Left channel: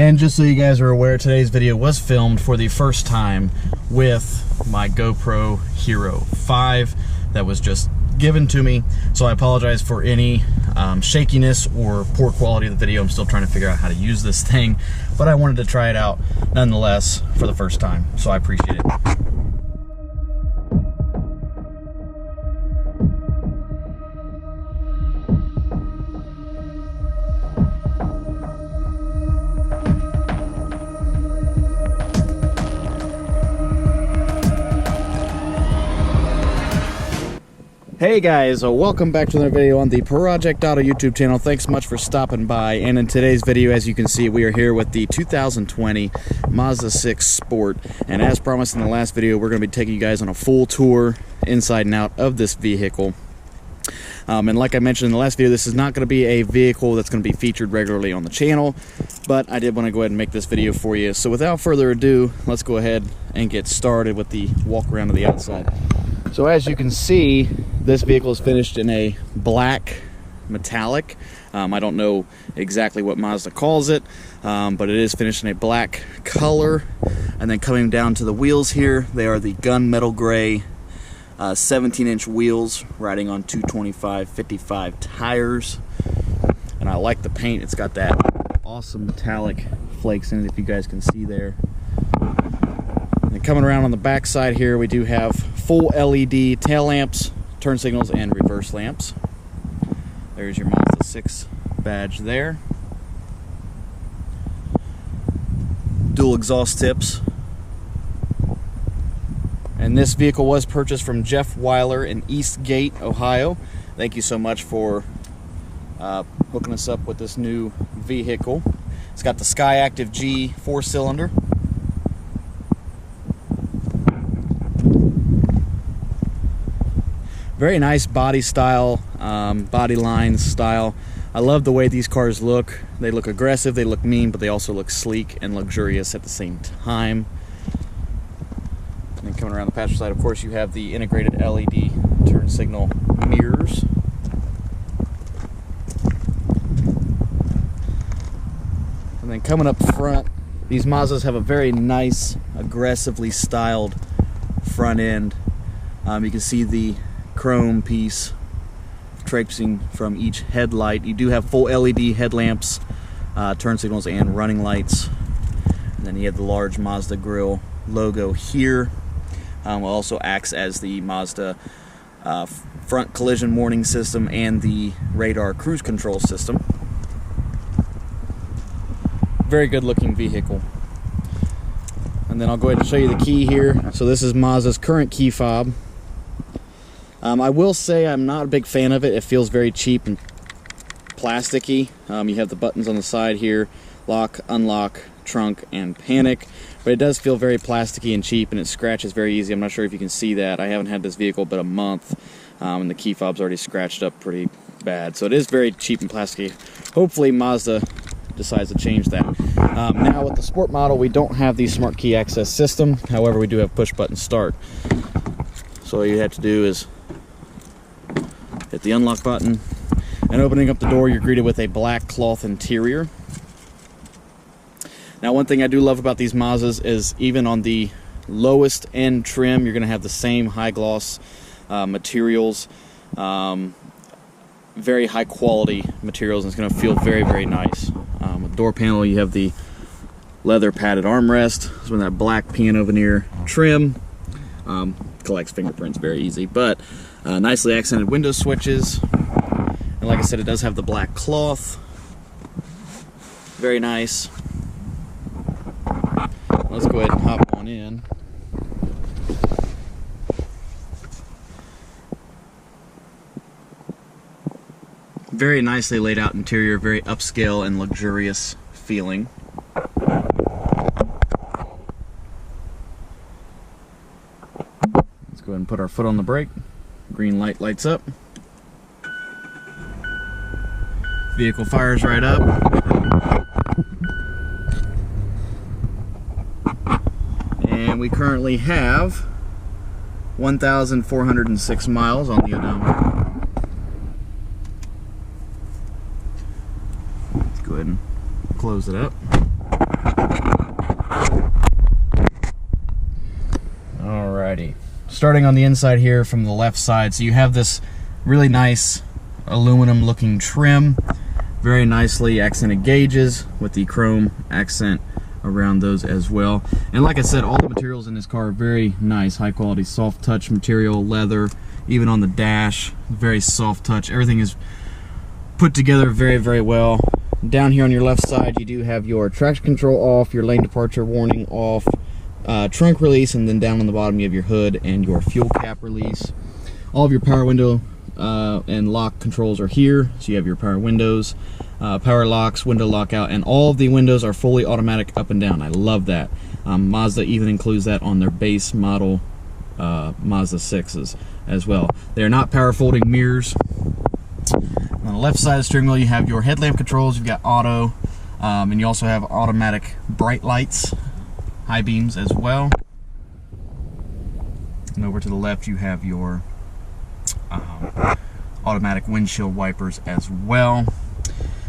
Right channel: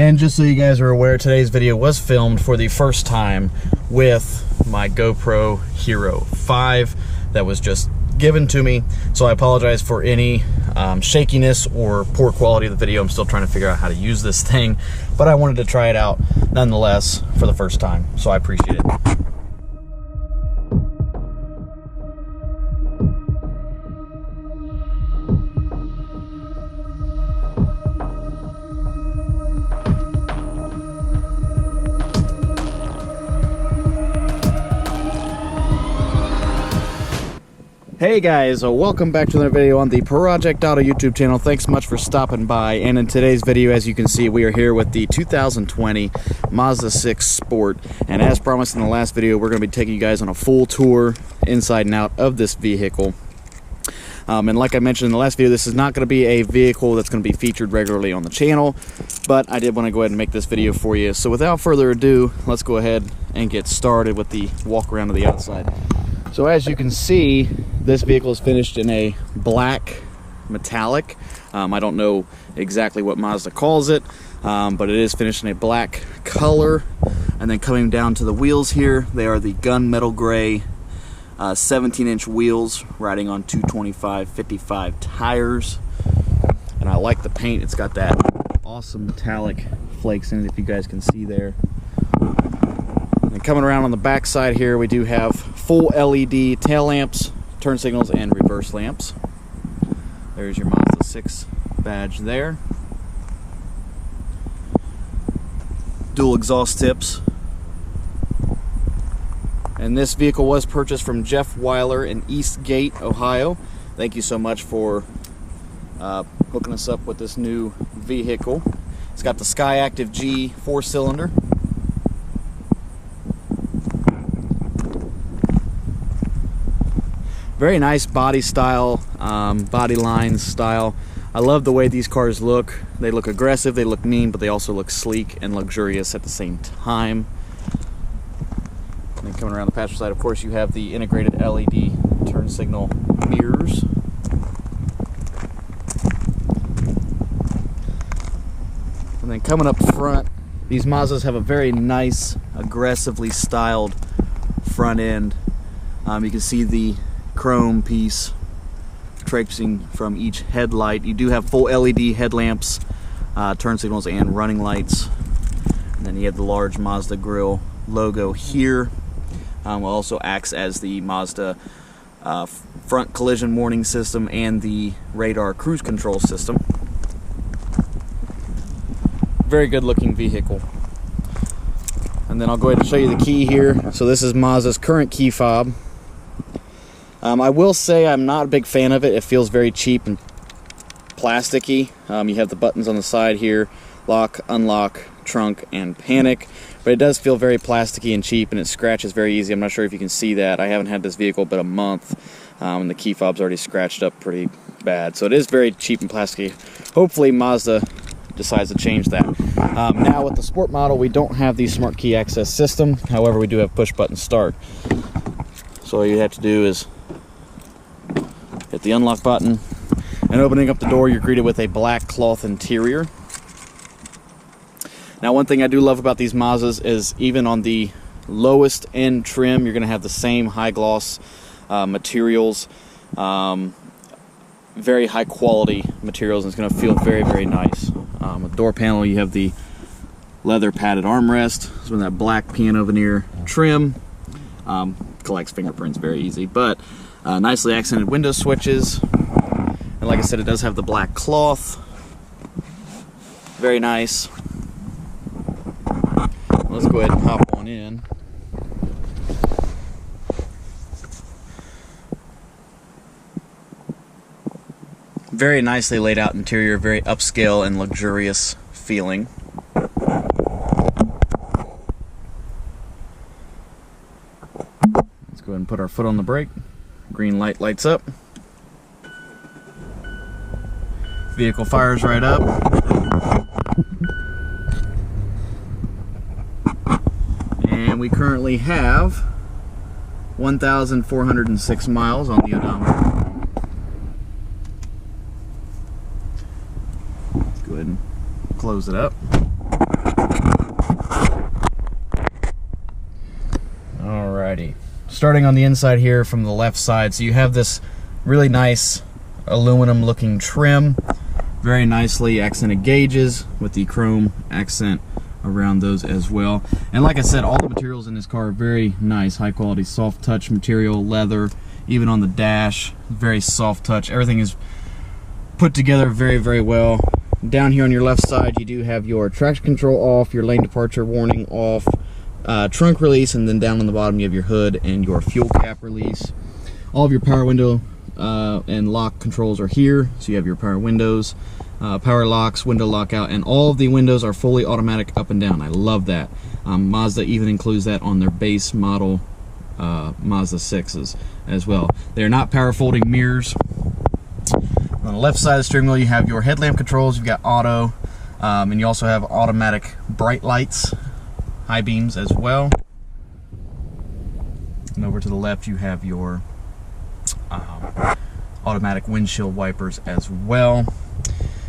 And just so you guys are aware, today's video was filmed for the first time with my GoPro Hero 5 that was just given to me. So I apologize for any shakiness or poor quality of the video. I'm still trying to figure out how to use this thing, but I wanted to try it out nonetheless for the first time. So I appreciate it. Hey guys, welcome back to another video on the Project Auto YouTube channel. Thanks so much for stopping by. And in today's video, as you can see, we are here with the 2020 Mazda 6 Sport. And as promised in the last video, we're going to be taking you guys on a full tour inside and out of this vehicle. And like I mentioned in the last video, this is not going to be a vehicle that's going to be featured regularly on the channel, but I did want to go ahead and make this video for you. So without further ado, let's go ahead and get started with the walk around to the outside. So as you can see, this vehicle is finished in a black metallic. I don't know exactly what Mazda calls it, but it is finished in a black color. And then coming down to the wheels here, they are the gunmetal gray 17-inch wheels riding on 225/55 tires. And I like the paint. It's got that awesome metallic flakes in it, if you guys can see there. And coming around on the back side here, we do have full LED tail lamps, turn signals, and reverse lamps. There's your Mazda 6 badge there. Dual exhaust tips. And this vehicle was purchased from Jeff Weiler in Eastgate, Ohio. Thank you so much for hooking us up with this new vehicle. It's got the skyactivG 4-cylinder. Very nice body style, body lines style. I love the way these cars look. They look aggressive, they look mean, but they also look sleek and luxurious at the same time. And then coming around the passenger side, of course, you have the integrated LED turn signal mirrors. And then coming up front, these Mazdas have a very nice, aggressively styled front end. You can see the chrome piece traipsing from each headlight. You do have full LED headlamps, turn signals, and running lights. And then you have the large Mazda grille logo here. Also acts as the Mazda front collision warning system and the radar cruise control system. Very good looking vehicle. And then I'll go ahead and show you the key here. So this is Mazda's current key fob. I will say I'm not a big fan of it. It feels very cheap and plasticky. You have the buttons on the side here: lock, unlock, trunk, and panic. But it does feel very plasticky and cheap, and it scratches very easy. I'm not sure if you can see that. I haven't had this vehicle but a month, and the key fob's already scratched up pretty bad. So it is very cheap and plasticky. Hopefully Mazda decides to change that. Now with the Sport model, we don't have the smart key access system. However, we do have push button start. So all you have to do is hit the unlock button, and opening up the door, you're greeted with a black cloth interior. Now, one thing I do love about these Mazdas is even on the lowest end trim, you're going to have the same high gloss materials, very high quality materials, and it's going to feel very, very nice. With the door panel, you have the leather padded armrest. It's with that black piano veneer trim. Collects fingerprints very easy, but nicely accented window switches. And like I said, it does have the black cloth. Very nice. Let's go ahead and hop on in. Very nicely laid out interior, very upscale and luxurious feeling. Let's go ahead and put our foot on the brake. Green light lights up. Vehicle fires right up. And we currently have 1,406 miles on the odometer. Let's go ahead and close it up. Alrighty, starting on the inside here from the left side, so you have this really nice aluminum looking trim, very nicely accented gauges with the chrome accent around those as well. And like I said, all the materials in this car are very nice, high quality soft touch material, leather, even on the dash, very soft touch. Everything is put together very, very well. Down here on your left side, you do have your traction control off, your lane departure warning off, trunk release, and then down on the bottom you have your hood and your fuel cap release. All of your power window and lock controls are here, so you have your power windows, power locks, window lockout, and all of the windows are fully automatic up and down. I love that. Mazda even includes that on their base model Mazda 6s as well. They are not power folding mirrors. On the left side of the steering wheel, you have your headlamp controls, you've got auto, and you also have automatic bright lights, high beams as well. And over to the left, you have your automatic windshield wipers as well.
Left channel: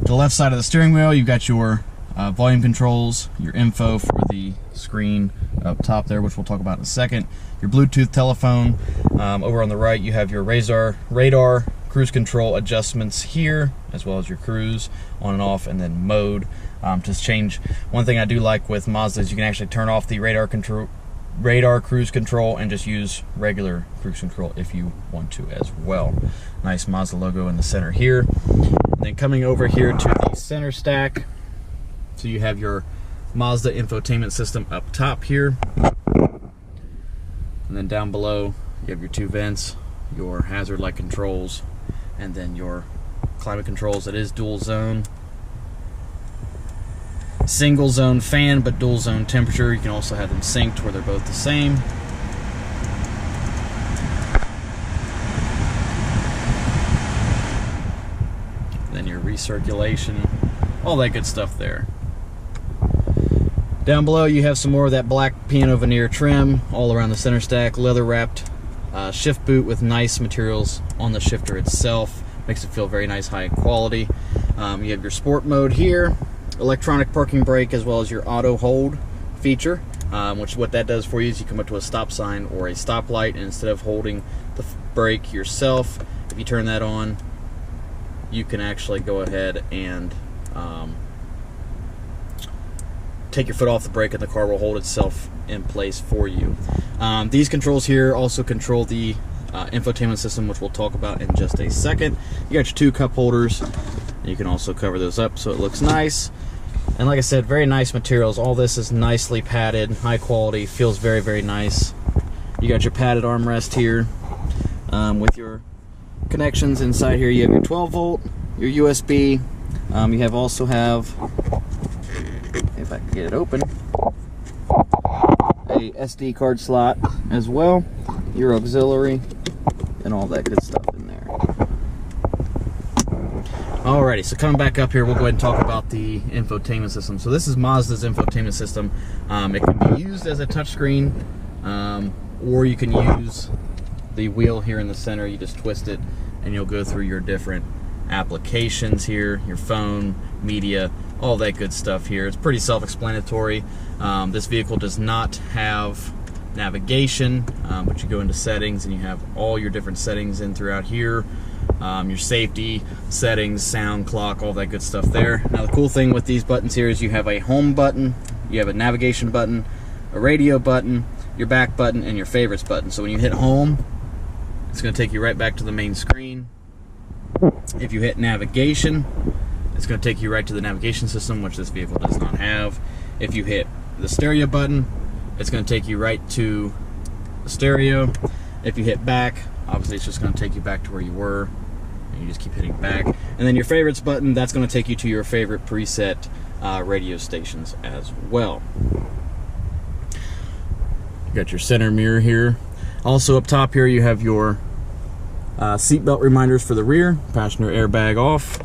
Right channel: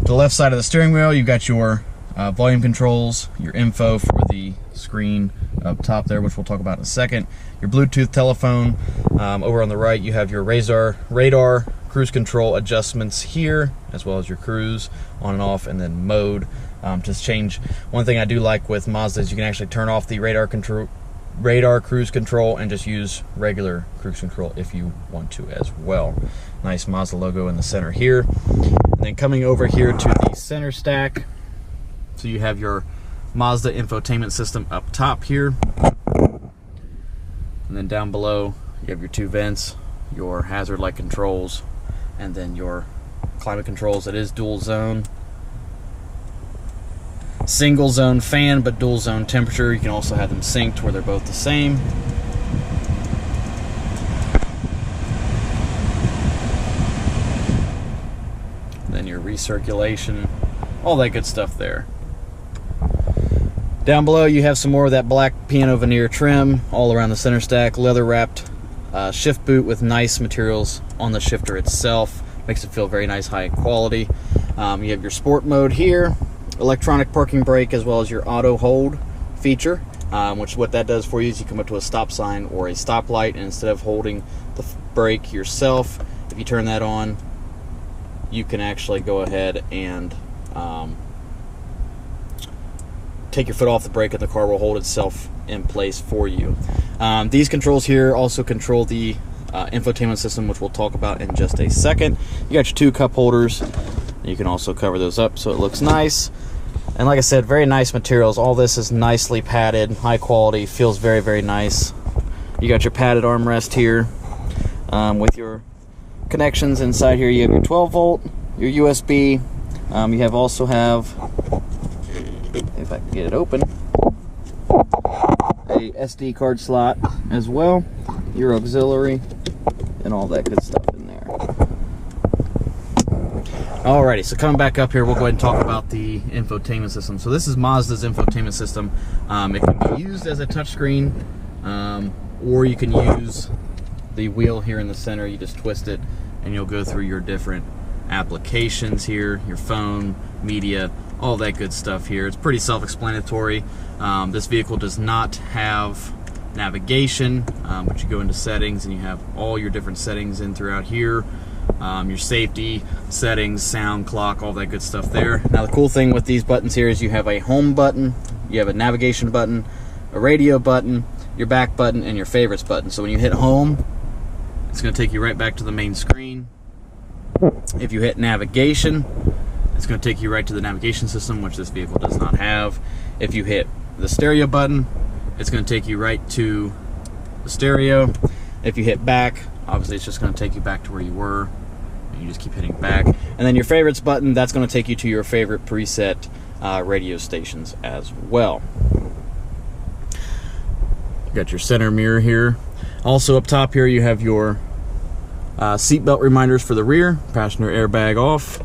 To the left side of the steering wheel, you've got your volume controls, your info for the screen up top there, which we'll talk about in a second, your Bluetooth telephone. Over on the right, you have your radar, cruise control adjustments here, as well as your cruise on and off, and then mode to change. One thing I do like with Mazda is you can actually turn off the radar cruise control and just use regular cruise control if you want to as well. Nice Mazda logo in the center here. And then coming over here to the center stack, so you have your Mazda infotainment system up top here. And then down below, you have your two vents, your hazard light controls, and then your climate controls. It is dual zone. Single zone fan, but dual zone temperature. You can also have them synced where they're both the same. Then your recirculation, all that good stuff there. Down below you have some more of that black piano veneer trim all around the center stack, leather wrapped shift boot with nice materials on the shifter itself. Makes it feel very nice, high quality. You have your sport mode here, electronic parking brake, as well as your auto hold feature, which what that does for you is you come up to a stop sign or a stoplight, and instead of holding the brake yourself, if you turn that on, you can actually go ahead and take your foot off the brake and the car will hold itself in place for you. These controls here also control the infotainment system, which we'll talk about in just a second. You got your two cup holders. You can also cover those up so it looks nice. And like I said, very nice materials. All this is nicely padded, high quality, feels very, very nice. You got your padded armrest here with your connections. Inside here you have your 12 volt, your USB. You also have, if I can get it open, a SD card slot as well, your auxiliary, and all that good stuff in there. Alrighty, so coming back up here, we'll go ahead and talk about the infotainment system. So this is Mazda's infotainment system. It can be used as a touchscreen, or you can use the wheel here in the center. You just twist it and you'll go through your different applications here, your phone, media, all that good stuff here. It's pretty self-explanatory. This vehicle does not have navigation, but you go into settings and you have all your different settings in throughout here. Your safety settings, sound, clock, all that good stuff there. Now the cool thing with these buttons here is you have a home button, you have a navigation button, a radio button, your back button, and your favorites button. So when you hit home, it's going to take you right back to the main screen. If you hit navigation, it's going to take you right to the navigation system, which this vehicle does not have. If you hit the stereo button, it's going to take you right to the stereo. If you hit back, obviously it's just going to take you back to where you were, and you just keep hitting back. And then your favorites button, that's going to take you to your favorite preset radio stations as well. You got your center mirror here. Also up top here you have your seatbelt reminders for the rear, passenger airbag off,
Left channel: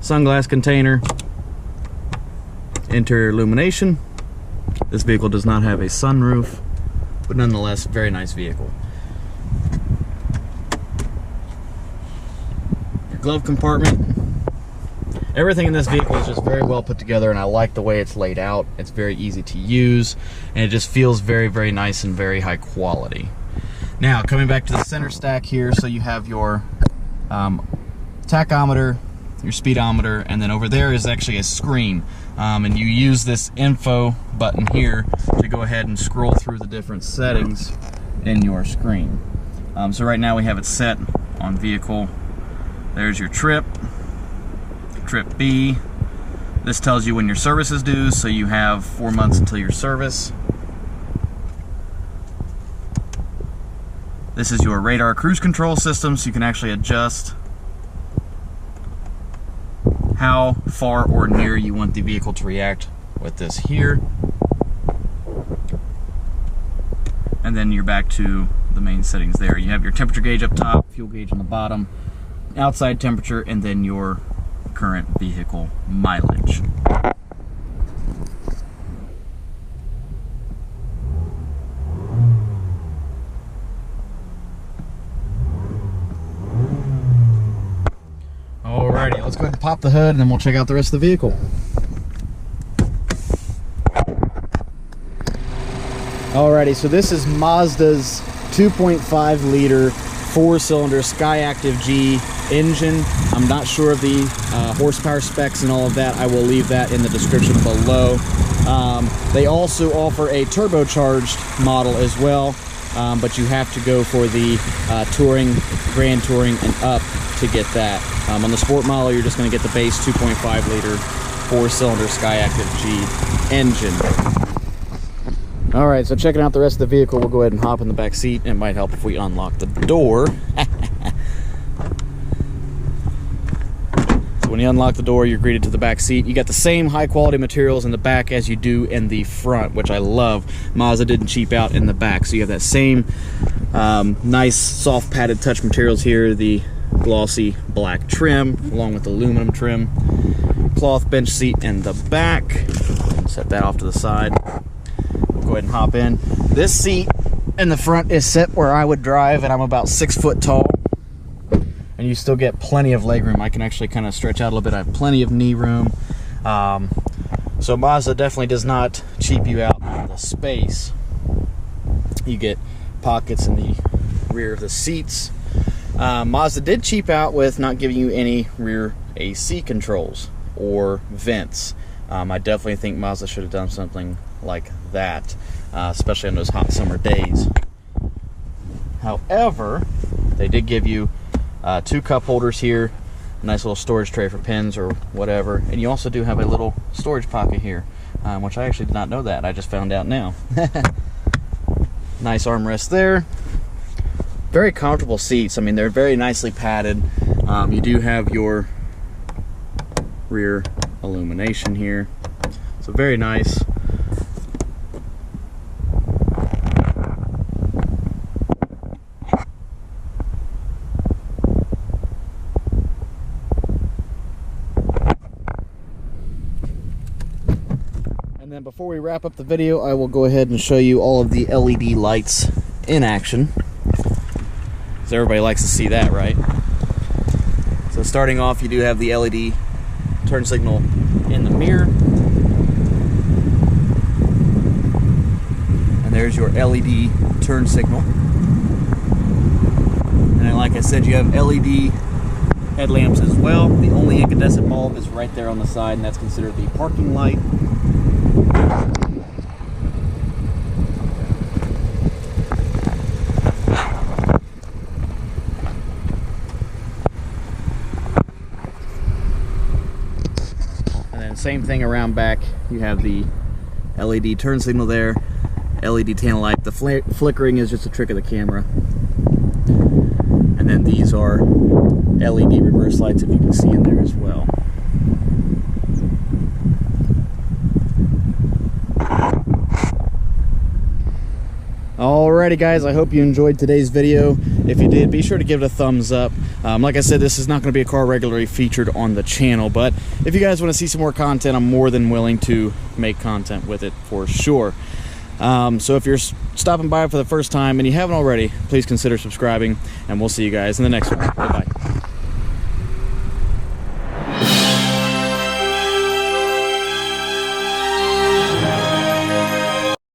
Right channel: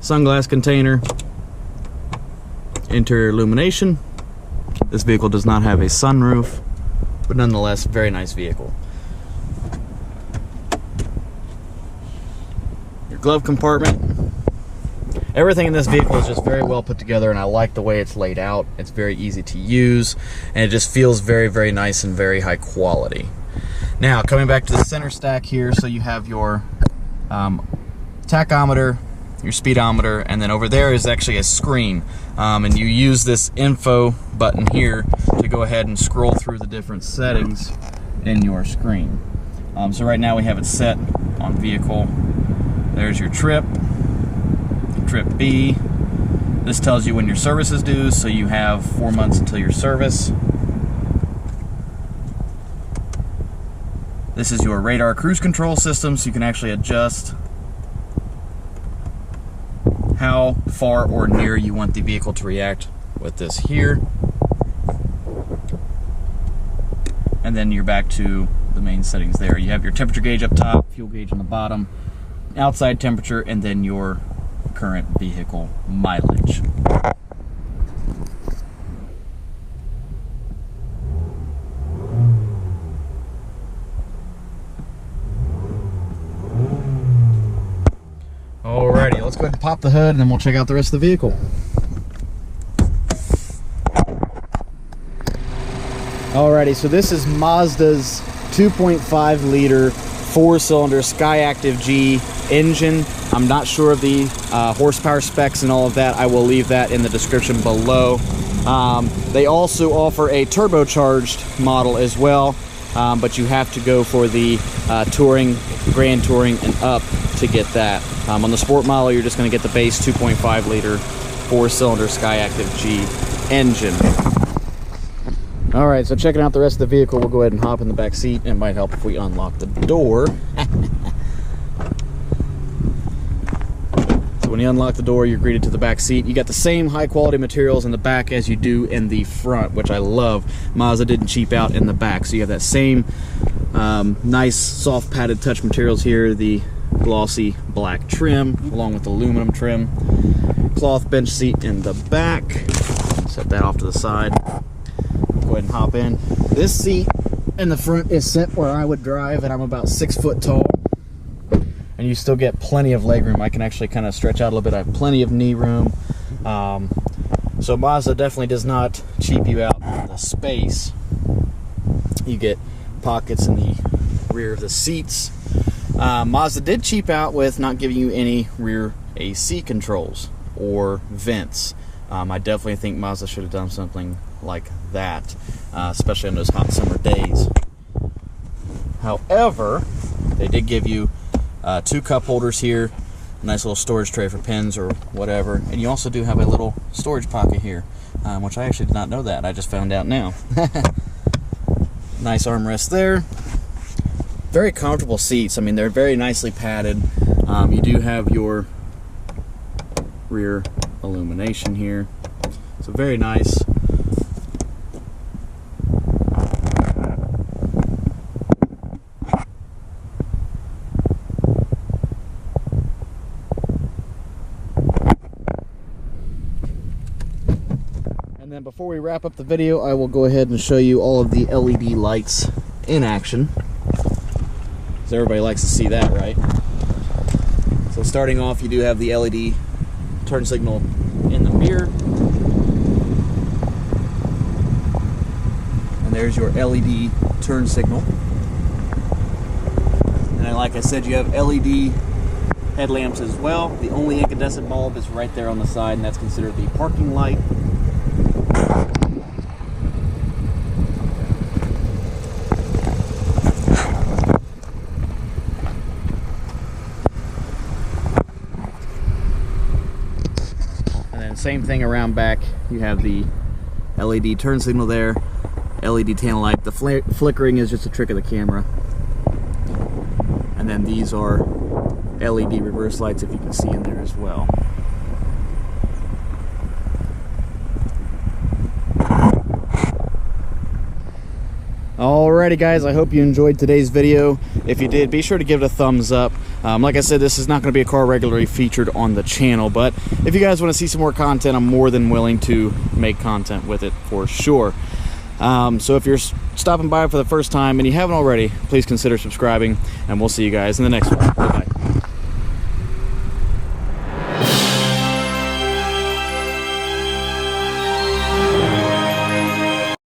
sunglass container, interior illumination. This vehicle does not have a sunroof, but nonetheless, very nice vehicle. Your glove compartment, everything in this vehicle is just very well put together, and I like the way it's laid out. It's very easy to use, and it just feels very, very nice and very high quality. Now, coming back to the center stack here, so you have your tachometer, your speedometer, and then over there is actually a screen, and you use this info button here to go ahead and scroll through the different settings in your screen. So right now we have it set on vehicle. There's your trip B. This tells you when your service is due, so you have 4 months until your service. This is your radar cruise control system, so you can actually adjust how far or near you want the vehicle to react with this here. And then you're back to the main settings there. You have your temperature gauge up top, fuel gauge on the bottom, outside temperature, and then your current vehicle mileage. Alrighty, let's go ahead and pop the hood and then we'll check out the rest of the vehicle. Alrighty, so this is Mazda's 2.5 liter 4-cylinder skyactivG engine. I'm not sure of the horsepower specs and all of that. I will leave that in the description below. They also offer a turbocharged model as well, but you have to go for the Touring, Grand Touring, and up to get that. On the Sport model, you're just going to get the base 2.5 liter 4-cylinder skyactivG engine. Alright, so checking out the rest of the vehicle, we'll go ahead and hop in the back seat. It might help if we unlock the door. So when you unlock the door, you're greeted to the back seat. You got the same high quality materials in the back as you do in the front, which I love. Mazda didn't cheap out in the back, so you have that same nice soft padded touch materials here, the glossy black trim along with aluminum trim, cloth bench seat in the back. Set that off to the side. Go ahead and hop in. This seat in the front is set where I would drive, and I'm about 6 foot tall, and you still get plenty of leg room. I can actually kind of stretch out a little bit. I have plenty of knee room. So Mazda definitely does not cheap you out on the space. You get pockets in the rear of the seats. Mazda did cheap out with not giving you any rear AC controls or vents. I definitely think Mazda should have done something like that, especially on those hot summer days. However, they did give you 2 cup holders here, a nice little storage tray for pens or whatever, and you also do have a little storage pocket here, which I actually did not know that. I just found out now. Nice armrest there. Very comfortable seats. I mean, they're very nicely padded. You do have your rear illumination here, so very nice. And then before we wrap up the video, I will go ahead and show you all of the LED lights in action. So everybody likes to see that, right? So starting off, you do have the LED turn signal in the mirror. And there's your LED turn signal. And then, like I said, you have LED headlamps as well. The only incandescent bulb is right there on the side, and that's considered the parking light. Same thing around back. You have the LED turn signal there, LED tail light. The flickering is just a trick of the camera. And then these are LED reverse lights, if you can see in there as well. Alrighty guys, I hope you enjoyed today's video. If you did, be sure to give it a thumbs up. Like I said, this is not going to be a car regularly featured on the channel, but if you guys want to see some more content, I'm more than willing to make content with it for sure. So if you're stopping by for the first time and you haven't already, please consider subscribing, and we'll see you guys in the next one. Bye-bye.